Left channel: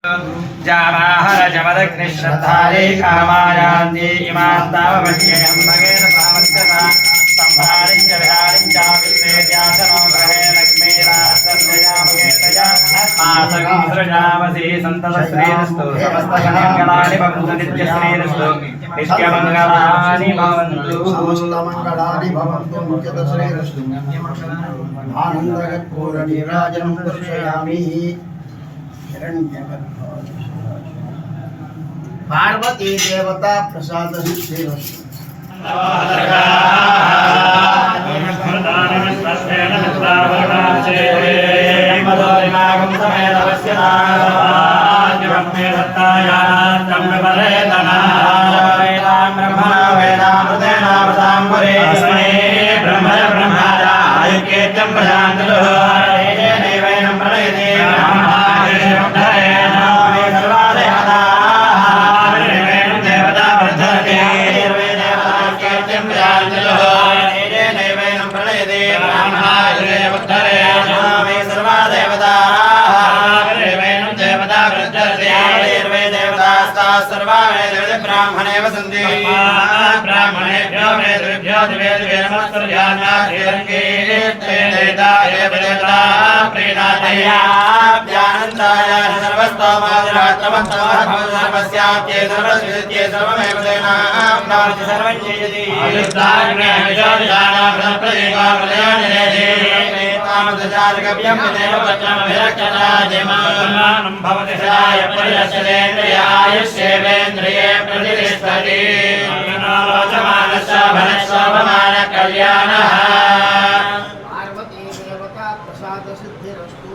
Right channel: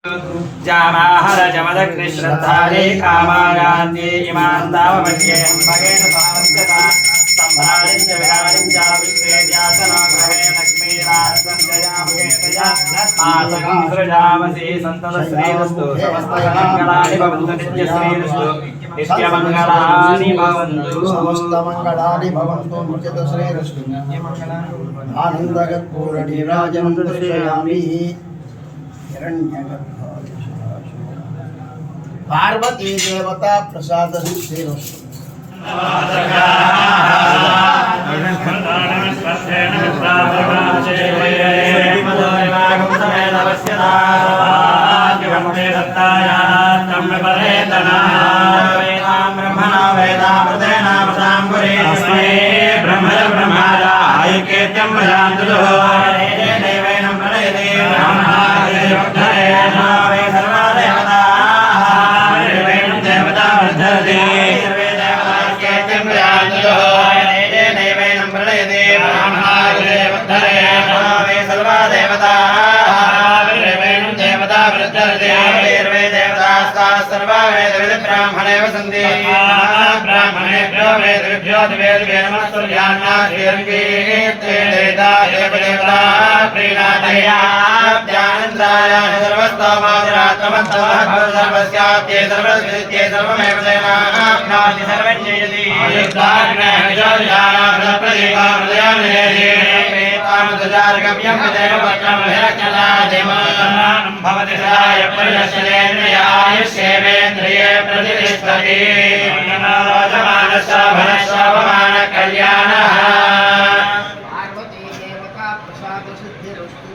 जावाहर जमदग्निश्रद्धारे कामायान्ते इमां तावमन्येऽहं भगेन सामन्त्यसा सम्भारिं च विहारिं च विश्वेद्यासनो भगेन लक्ष्मीराजन्त्रया भगेतया आसकीं सृजामसि सन्ततश्रीरस्तु समस्तमङ्गलानि भवन्तु नित्यश्रीरस्तु नित्यमङ्गलानि भवन्तु समस्तमङ्गलानि भवन्तु नित्यश्रीरस्तु आनन्दकर्पूरनीराजनं दर्शयामि पार्वती देवता प्रसाद सिद्धिरस्तु ब्राह्मणेभ्यो वेदेभ्यो दिवेभ्यो नमस्कृत्यान्नाथेरङ्गीत्रेदाय देवता प्रीणादयाब्जानन्दाय सर्वस्तोमादिरात्रमस्तमः सर्वस्याप्ये सर्वस्विद्ये सर्वमेव तेनाप्नोति सर्वं जयति आयुष्ताग्नहृदयानाप्रदेवाप्रदयानिरेतानुदचारकव्यं भवति पर्यशलेन्द्रियाय सेवेन्द्रिये प्रतिष्ठति शोभमान कल्याणः पार्वती देवता प्रसाद सिद्धिरस्तु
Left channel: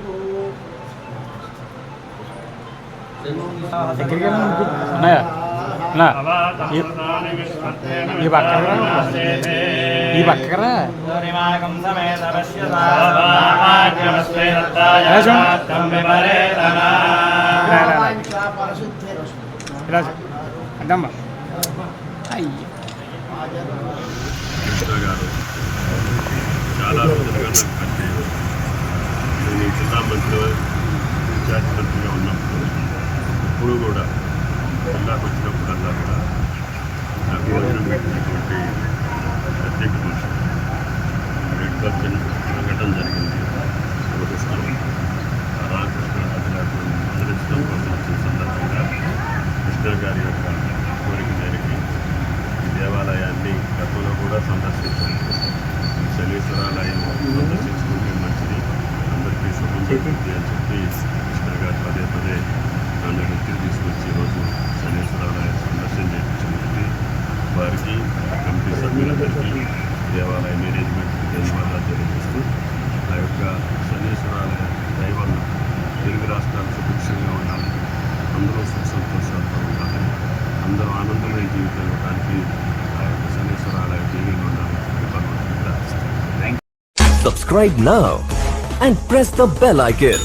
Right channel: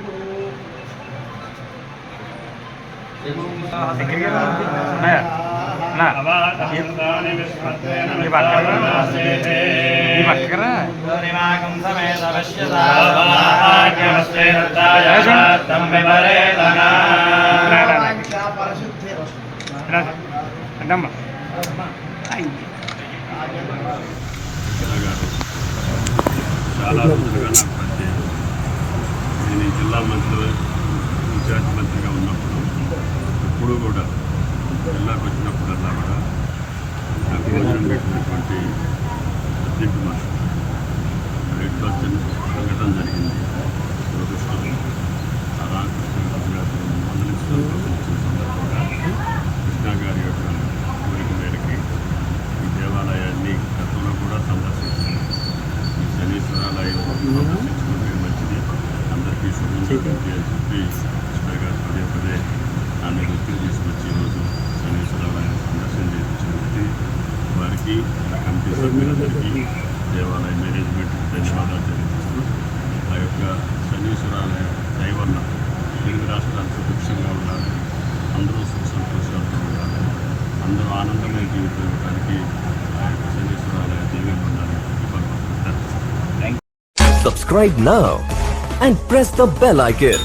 గారు చాలా రోజులుగా నాకు పరిచయం. నేను ఈ జిల్లా మంత్రిలో ఇన్ఛార్జ్ మంత్రిగా ఉన్నప్పుడు ఎప్పుడూ కూడా జిల్లాకు వచ్చినప్పుడల్లా కూడా నాకు భోజనం పెట్టినటువంటి అధ్యక్ష మనుషులు రెడ్ బస్ సంఘటన జరిగింది. దురదృష్టం రామకృష్ణ గారిని మందలించడం కోసం వచ్చిన సందర్భంగా కృష్ణ గారి యొక్క కోరిక మేరకి ఈ దేవాలయాన్ని గతంలో కూడా సందర్శించాను. ఈ శనీశ్వరాలయం సందర్శించుకుంటే మంచిది, అందరికీ శుభం జరుగుతుంది అని చెప్పి కృష్ణ గారు పదే పదే నన్ను వృత్తిని తీసుకొచ్చి ఈరోజు శనీశ్వరాలయం సందర్శన చేయించినది వారికి కమిటీ సభ్యులందరికీ దేవాలయ మేనేజ్మెంట్కి ధన్యవాదాలు తెలియజేస్తూ ఆ యొక్క శనీశ్వరాలయ దయ వల్ల తెలుగు రాష్ట్రాలు సుభిక్షంగా ఉండాలని, అందరూ సుఖ సంతోషాలతో ఉండాలని, అందరూ ఆనందమైన జీవితం ఇవ్వడానికి ఆ యొక్క శనీశ్వరాలయ దీవెనలు ఉండాలని భగవంతుడికి ప్రార్థిస్తున్నాను. Subscribe now and press the bell icon.